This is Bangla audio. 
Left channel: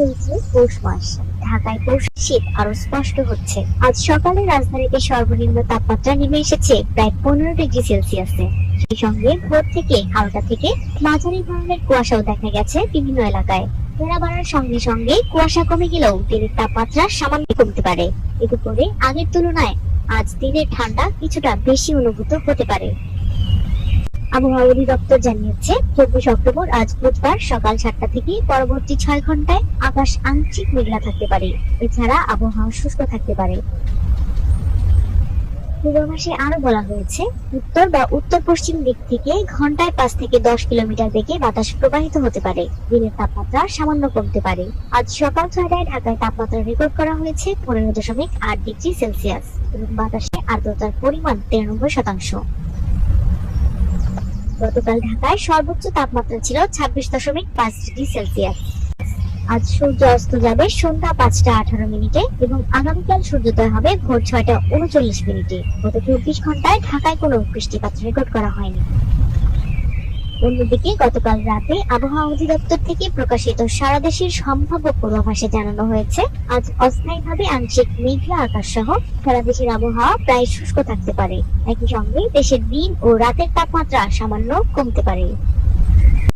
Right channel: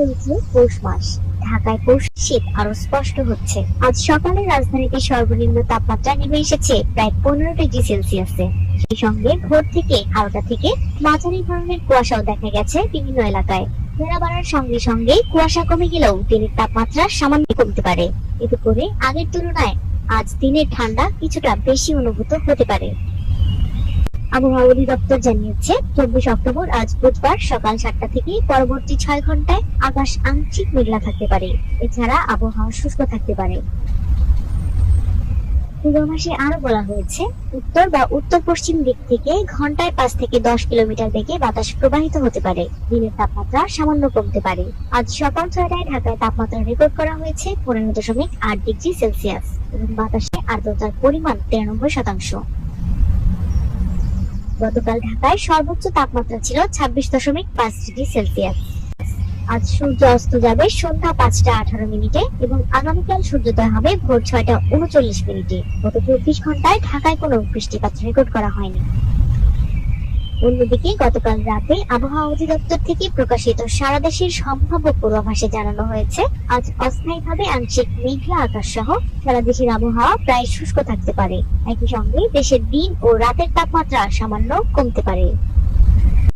চলছে পৌষ মাস। ঢাকায় পৌষ শীত আরো স্পষ্ট হচ্ছে। আজ সকালে রাজধানীতে সর্বনিম্ন তাপমাত্রা নেমে এসেছে প্রায় 15 ডিগ্রি সেলসিয়াসে। সেই সঙ্গে ভোর থেকে হালকা থেকে মাঝারি ধরনের কুয়াশাও দেখা গেছে বিভিন্ন এলাকায়। বেলা বাড়ার সঙ্গে সঙ্গে কুয়াশা কমে গেলেও দিনের তাপমাত্রা সামান্য কমতে পারে। এতে করে আগের তুলনায় আজ দিনের ঠান্ডা কিছুটা বেশি অনুভূত হতে পারে। আবহাওয়া অধিদপ্তর জানিয়েছে 24 অক্টোবর আজ বুধবার সকাল 7টা থেকে পরবর্তী 6 ঘন্টায় আকাশ আংশিক মেঘলা থাকতে পারে। এছাড়া আবহাওয়া শুষ্ক থাকতে পারে। পূর্বাভাসে আরো বলা হয়েছে, উত্তর বা উত্তর পশ্চিম দিক থেকে ঘন্টায় 5 থেকে 10 কিলোমিটার বেগে বাতাস প্রবাহিত হতে পারে। দিনের তাপমাত্রা সামান্য কমতে পারে। আজ সকাল 6টায় ঢাকায় তাপমাত্রা রেকর্ড করা হয়েছে 15.8 ডিগ্রি সেলসিয়াস এবং বাতাসে আর্দ্রতার পরিমাণ 93%। গতকাল ঢাকায় সর্বোচ্চ তাপমাত্রা ছিল 26.5 ডিগ্রি সেলসিয়াস। আজ সূর্য অস্ত যাবে সন্ধ্যা 5টা 18 মিনিটে এবং আগামীকাল সূর্যোদয় হবে ভোর 6টা 39 মিনিটে। গত 24 ঘন্টায় ঢাকায় কোনো বৃষ্টিপাত রেকর্ড করা হয়নি। অন্যদিকে গতকাল রাতে আবহাওয়া অধিদপ্তর থেকে প্রকাশিত সারা দেশের সম্ভাব্য পূর্বাভাসে জানানো হয়েছে, আজ অস্থায়ীভাবে আংশিক মেঘলা আকাশ সহ সারা দেশের আবহাওয়া প্রায় শুষ্ক থাকতে পারে। একই সঙ্গে দেশের দিন ও রাতের তাপমাত্রা সামান্য কমতে পারে।